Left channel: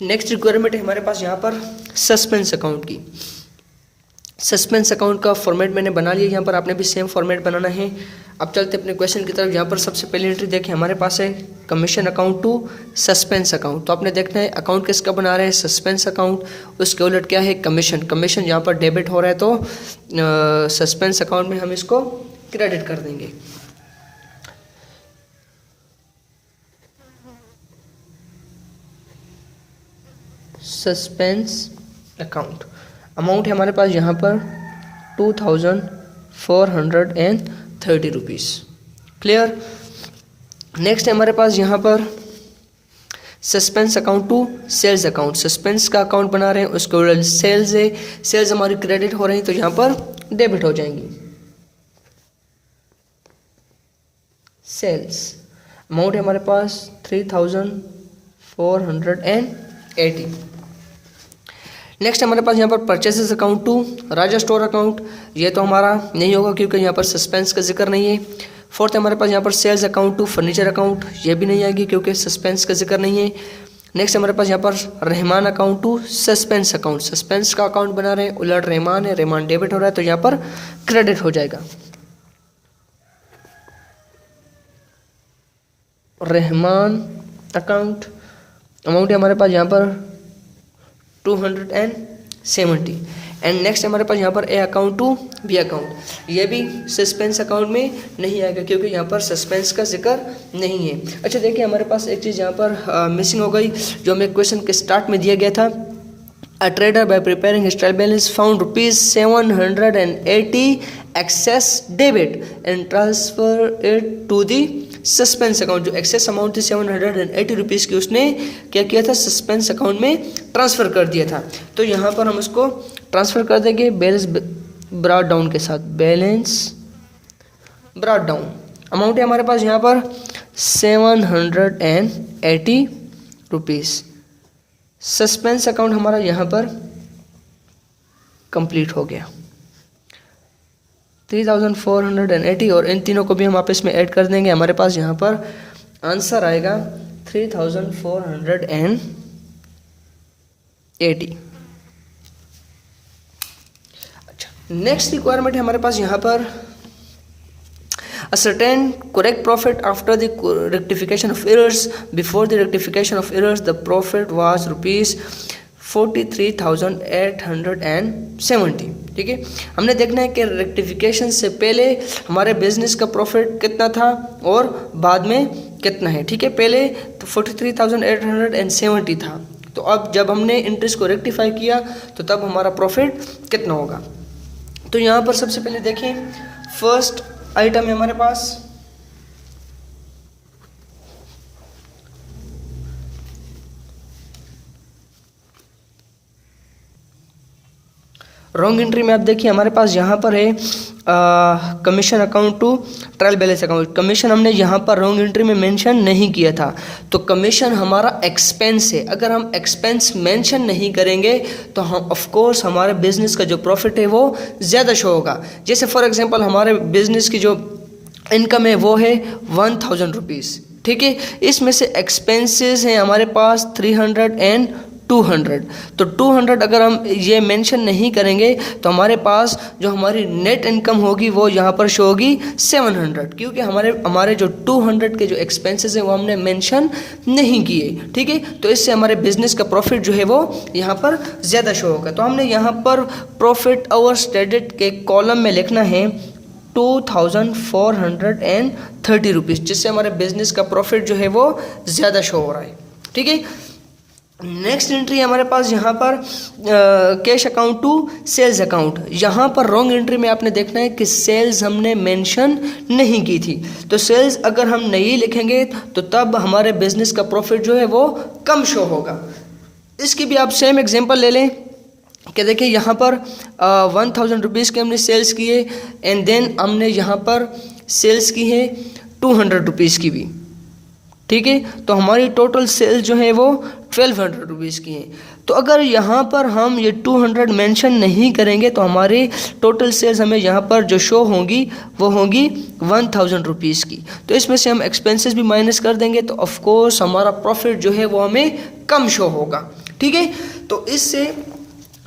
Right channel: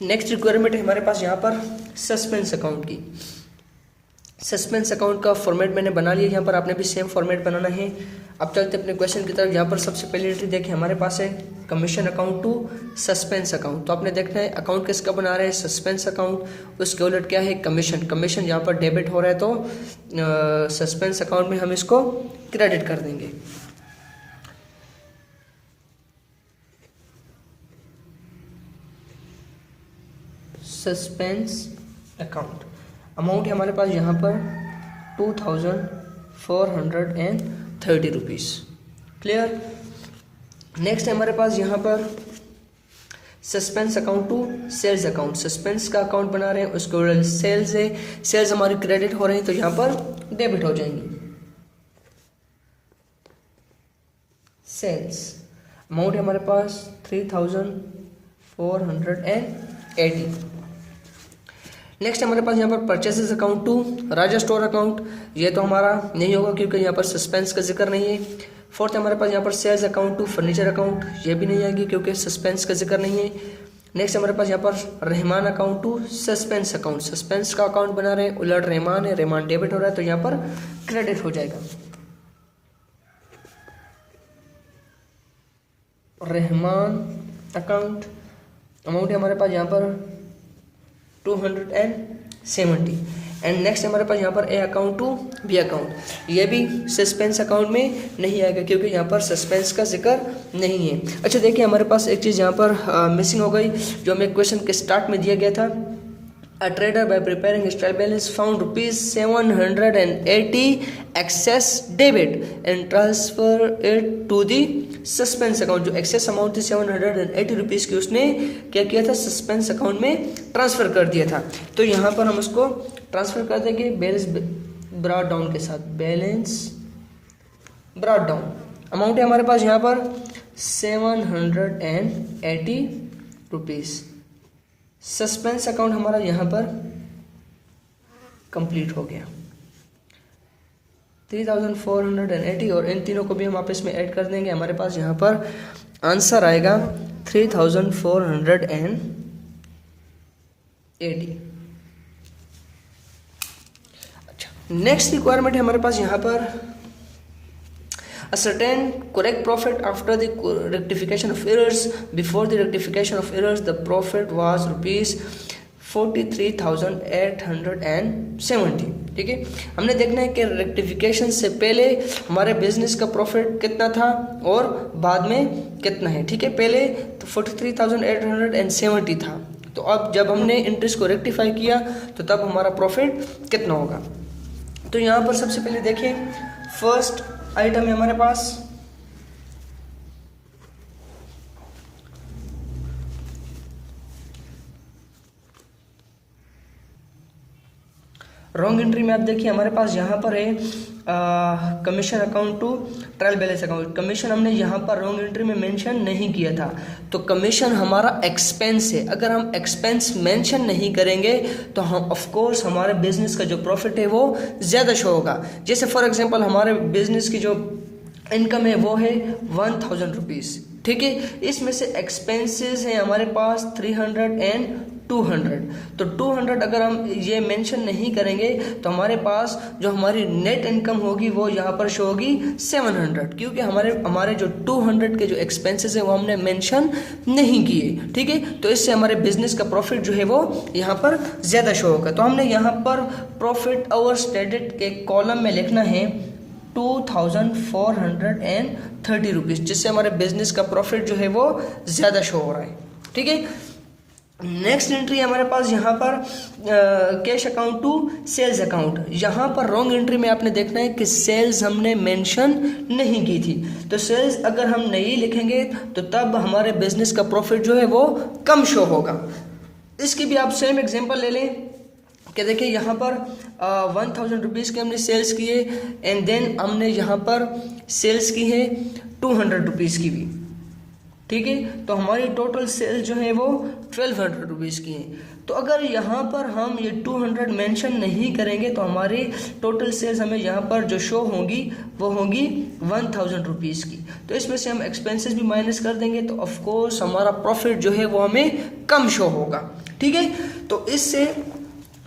Next requirement है हमारे पास यहाँ पर सस्पेंस अकाउंट की। सस्पेंस अकाउंट का फॉर्मेट मैंने बना लिया, यहाँ पर आपने भी सेम फॉर्मेट बनाना है। अब चलते अपने क्वेश्चन की तरफ। यहाँ पर सबसे पहली एंट्री देखें, हमारे पास है commission account to suspense account. तो आपने देखना है अकाउंट किसका बना रहे हैं, सस्पेंस अकाउंट। उसके उलट क्या है, कमीशन। कमीशन यहाँ पर डेबिट हो रहा है तो सस्पेंस अकाउंट में हम इसको क्रेडिट कर देंगे। सस्पेंस अकाउंट अमाउंट है हमारे पास यहाँ पर 2430 रुपीज़। क्लियर। नेक्स्ट है हमारे पास यहाँ पर suspense account to sales account. Suspense का अकाउंट बना रहे हैं, उसको सेल्स है, सेल्स हमारी क्रेडिट हो रही है तो यहाँ पर डेबिट हो जाएंगी। सेल्स अमाउंट है हमारे पास 3480। नेक्स्ट हमारे पास यहाँ पर purchases account to Raja store account. ये तो हमारा नहीं होगा क्योंकि यहाँ पर सस्पेंस का जिक्र नहीं है। फोर्थ हमारे पास यहाँ पर sales account to furniture account. ये भी नहीं आएगी क्योंकि सस्पेंस का जिक्र नहीं है। नेक्स्ट हमारे पास यहाँ पर Rahman account to suspense account. Suspense का अकाउंट बना रहे हैं, उलट रहमान है, रहमान डेबिट हो रहा है तो यहाँ पर क्रेडिट हो जाएगा। रहमान अकाउंट अमाउंट है हमारे पास यहाँ पर 270। एंड नेक्स्ट हमारे पास यहाँ पर A account to B account. ये भी सस्पेंस अकाउंट में नहीं आएगा क्योंकि यहाँ पर सस्पेंस का जिक्र नहीं है। अच्छा देखिए, हमारे पास एक चीज़ यहाँ पर मिसिंग हो गई जो हमें क्वेश्चन के स्टार्ट में दिया गया था। A trader by preparing his trial balance found ₹780 excess debit and transfer it to the suspense account. जो एक्सेस अमाउंट थी 780 रुपीज़ की, उसने क्या किया था, सस्पेंस अकाउंट में ट्रांसफ़र कर दिया था। तो यहाँ पर हम उसको ट्रांसफ़र कर देंगे बैलेंस ब्रॉट डाउन के साथ। बैलेंस ब्रॉट डाउन अमाउंट है हमारे पास यहाँ पर 780 रुपीज़। सस्पेंस अकाउंट हमारा यहाँ पर कंप्लीट हो गया 3480, और इन तीनों को भी हम आपस में ऐड कर देंगे। हमारे पास यहाँ पर आंसर आएगा 3480। अच्छा, नेक्स्ट रिक्वायरमेंट है हमारे पास यहाँ पर ascertain correct profit after the rectification of errors. Before the rectification of errors, the profit was ₹43,870। ठीक है, हमने देखना है कि रेक्टिफिकेशन से पहले हमारे बिजनेस का प्रॉफिट कितना था और बाद में कितना है। ठीक है, पहले तो 43,870 था, तो अब जब हमने इंटरेस्ट को रेक्टिफाई किया तो तब हमारा प्रॉफिट कितना होगा। तो यहाँ पर सबसे पहले देखें, फर्स्ट आइटम है हमारे पास रॉन्ग एंट्री में। आप देखिए हमारे पास यहाँ पर है commission account to trial balance account. Commission हमने यहाँ पर रॉन्ग एंट्री में मेंशन नहीं किया था, तो कमीशन हमारा एक्सपेंस है। अगर हम एक्सपेंस मेंशन नहीं करेंगे तो हम ऑफ कोर्स हमारे बिजनेस का जो प्रॉफिट है वो ज़्यादा शो होगा। जैसे फॉर एग्जांपल हमारे बिजनेस की जो इनकम है वो है 1000 रुपीज़। ठीक है, इसमें से एक्सपेंसेस हैं हमारे पास 300 एंड 200। तो 200 अगर हम ये मेंशन नहीं करेंगे तो हमारे पास जो हमारी नेट इनकम होगी वो यहाँ पर शो होगी 700, क्योंकि हमारे जो 200 के जो एक्सपेंसेस हैं वो हमने मेंशन नहीं किए। ठीक है, तो इससे हमारे बिजनेस का प्रॉफिट जो है वो यहाँ पर ज़्यादा शो होगा। तो हमने यहाँ पर प्रॉफिट आवर्स क्रेडिट के कॉलम में लिखना है 2430 रुपीज़, जिससे हमारे बिजनेस का प्रॉफिट जो है वो ज़्यादा शो हो रहा है। ठीक है, नेक्स्ट एंट्री हमारे पास यहाँ पर cash account to sales account. यहाँ पर रॉन्ग एंट्री में आपने देखना है कि सेल्स हमने मेंशन नहीं की थी, तो सेल्स अगर हम नहीं लिखेंगे तो तब हमारे बिजनेस का प्रॉफिट जो है वो कम शो होगा। इसकी भी आप सेम एग्जांपल ले लें कि देखिए यहाँ पर 1000 रुपीज़ के हमने सेल्स किए एंड देन हमने यहाँ पर सेल्स की है 200 रुपीज़ की भी। ठीक है, तो हमारी टोटल सेल्स जो है वो 1200 रुपीज़ की है। तो अगर यहाँ पर हम ये 200 मेंशन नहीं करेंगे तो हमारी टोटल सेल्स हमें यहाँ पर जो शो होंगी वो होंगी 1000 रुपीज़ की। तो इसमें से हम एक्सपेंसेस भी माइनस कर देंगे तो ऑफ कोर्स हमारा प्रॉफिट जो है वो हमें कम शो होगा। ठीक है। तो इससे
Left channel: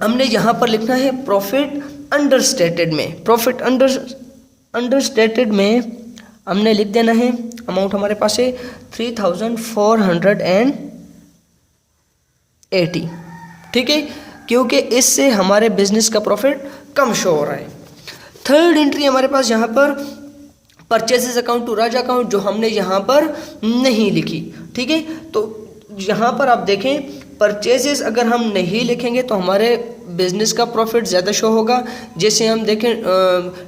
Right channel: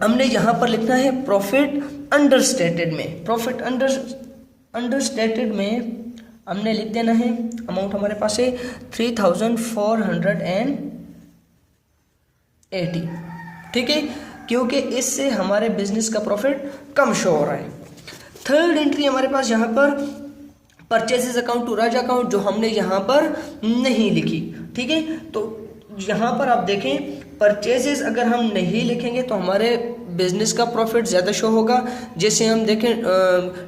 हमने यहाँ पर लिखना है प्रॉफिट अंडरस्टेटेड में। प्रॉफिट अंडरस्टेटेड में हमने लिख देना है, अमाउंट हमारे पास है 3480, ठीक है, क्योंकि इससे हमारे बिजनेस का प्रॉफिट कम शो हो रहा है। थर्ड एंट्री हमारे पास यहाँ पर purchases account to Raja account, जो हमने यहाँ पर नहीं लिखी, ठीक है। तो यहाँ पर आप देखें परचेजेस अगर हम नहीं लिखेंगे तो हमारे बिजनेस का प्रॉफिट ज़्यादा शो होगा। जैसे हम देखें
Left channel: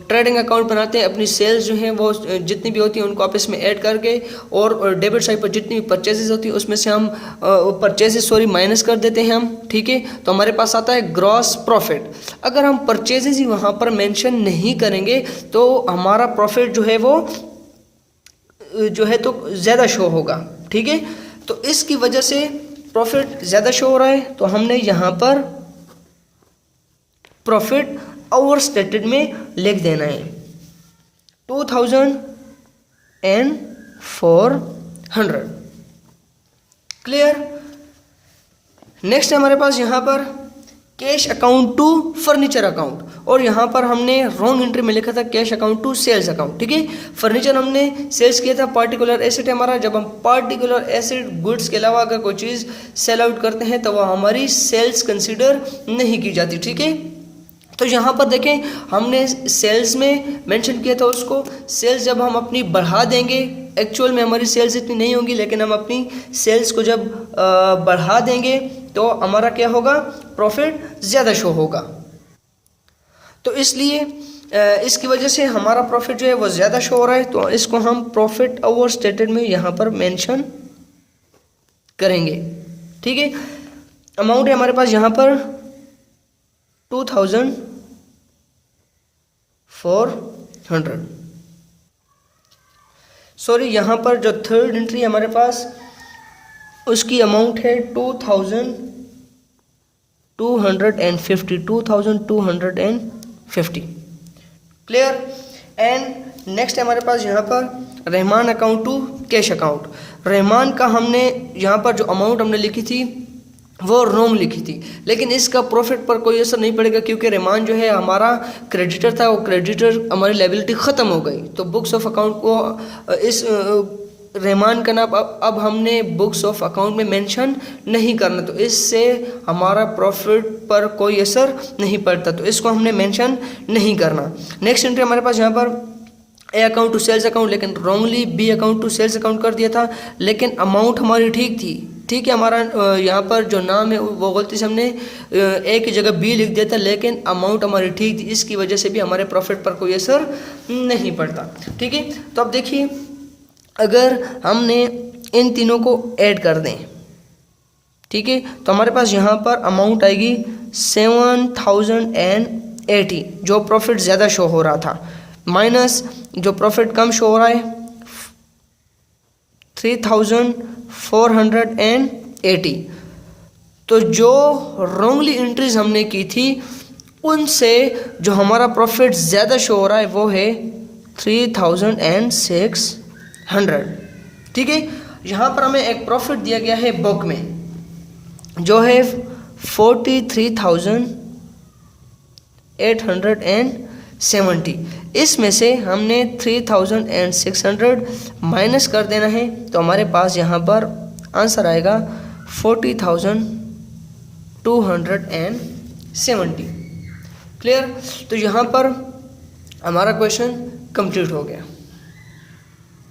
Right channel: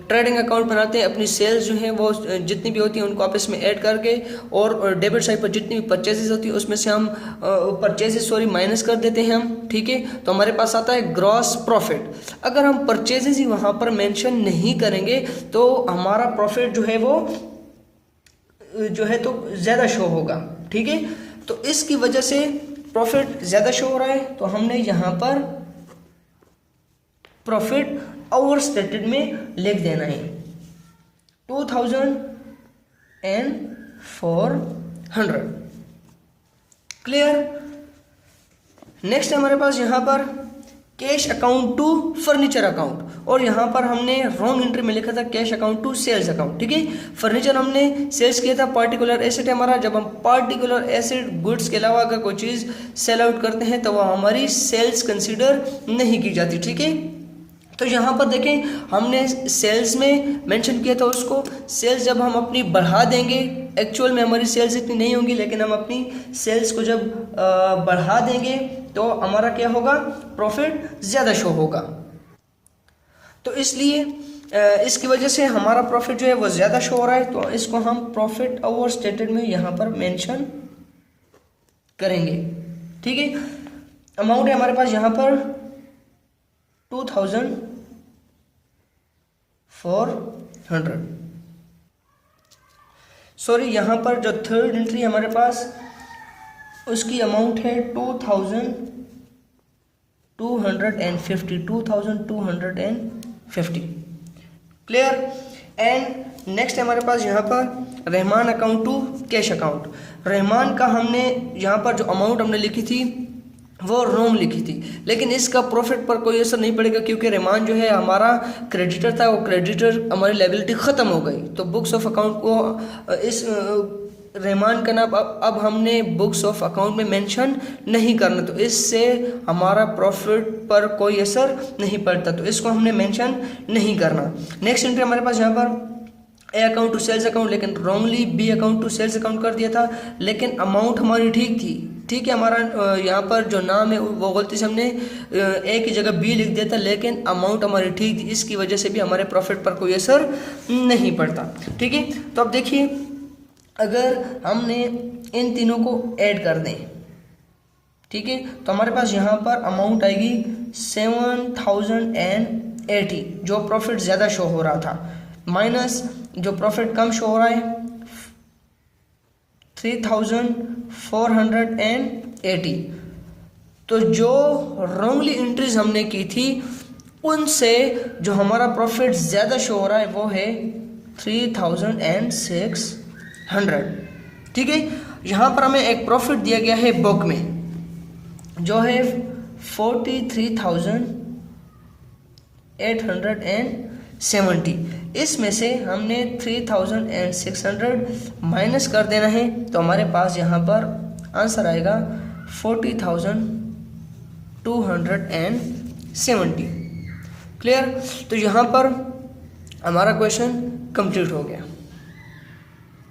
ट्रेडिंग अकाउंट बनाते हैं, अपनी सेल्स जो हैं वो जितनी भी होती हैं उनको आपस में ऐड करके, और डेबिट साइड पर जितनी भी परचेजेस होती है उसमें से हम माइनस कर देते हैं हम, ठीक है। तो हमारे पास आता है ग्रॉस प्रॉफिट। अगर हम परचेजेस ही वहाँ पर मेंशन नहीं करेंगे तो हमारा प्रॉफिट जो है वो तो ज़्यादा शो होगा, ठीक है। तो इसकी वजह से प्रॉफिट ज़्यादा शो हो रहा है, तो हमने यहाँ पर प्रॉफिट ओवर स्टेटेड में लिख देना है 2400। क्लियर। नेक्स्ट हमारे पास यहाँ पर cash account to furniture account, और यहाँ पर हमने रॉन्ग एंट्री में लिखा था cash account to sales account, ठीक है। फर्नीचर हमने सेल्स किया था, पार्टिकुलर एसेट हमारा। जब हम पार्टिकुलर एसेट गुड्स के अलावा अगर कोई चीज़ सेल आउट करते हैं तो वह हमारी सेल्स कंसीडर नहीं की जाती, ठीक है। तो यहाँ पर देखें हमने सेल्स में मेंशन किया था उसको, सेल्स जब हम अपनी बढ़ा देंगे, एक्चुअल में हमारी सेल्स इतनी नहीं होंगी, लेकिन हम अपनी सेल्स को जब बढ़ा देंगे तो हमारा क्या होगा, प्रॉफिट ज़्यादा शो होगा। तो इसलिए इसकी वजह से हमारा प्रॉफिट जो है वो ज़्यादा शो हो रहा है, तो इसको हम प्रॉफिट ओवर स्टेटेड में यहाँ पर मेंशन करेंगे, ठीक है। अमाउंट है हमारे पास यहाँ पर 2400। सॉरी, यहाँ पर जो थर्ड एंट्री हमारे पास उसकी अमाउंट है 2250। क्लियर। एंड नेक्स्ट हमारे पास यहाँ पर Rahman account to cash account. Rahman का हमने यहाँ पर जो अमाउंट हमने लिखी थी वो रॉन्ग लिखी थी, लेकिन इसका प्रॉफिट पर कोई असर नहीं पड़ेगा क्योंकि रहमान जो है हमारा क्रेडिटर था, वो क्रेडिटर हमारी लायबिलिटी ख़त्म हो गई। तो बुक्स ऑफ अकाउंट को इस रहमान का नाम अब हमने बुक्स ऑफ अकाउंट में मेंशन नहीं करना, तो इससे हमारा प्रॉफिट पर कोई असर नहीं पड़ता, तो इसको हमने मेंशन नहीं करना। नेक्स्ट एंट्री हमारे पास यहाँ पर A account to sales account, लेकिन wrongly B account to sales account कर दिया था, लेकिन अमाउंट हमारी ठीक थी, ठीक है। हमारा यहाँ पर जो नाम है वो गलती से हमने ए की जगह बी लिख दिया था, लेकिन अमाउंट हमारी ठीक थी, इसकी वजह से भी हमारे प्रॉफिट पर कोई असर नहीं पड़ता, ठीक है। तो अब देखिए अगर हमने इन तीनों को ऐड कर दें, ठीक है, तो हमारे पास यहाँ पर अमाउंट आएगी 7080, जो प्रॉफिट ज़्यादा शो हो रहा था, माइनस जो प्रॉफिट कम शो हो रहा है 3480। तो जो रॉन्गली एंट्रीज हमने की थी उनसे जो हमारा प्रॉफिट ज़्यादा शो हो रहा है वो है 3600, ठीक है। यहाँ पर हमें एक प्रॉफिट दिया गया है बुक में जो है 43,870। इसमें से हमने 3600 माइनस कर देना है, तो हमारे पास यहाँ पर आंसर आएगा 40,270। क्लियर। तो यहाँ पर हमारा क्वेश्चन कंप्लीट हो गया।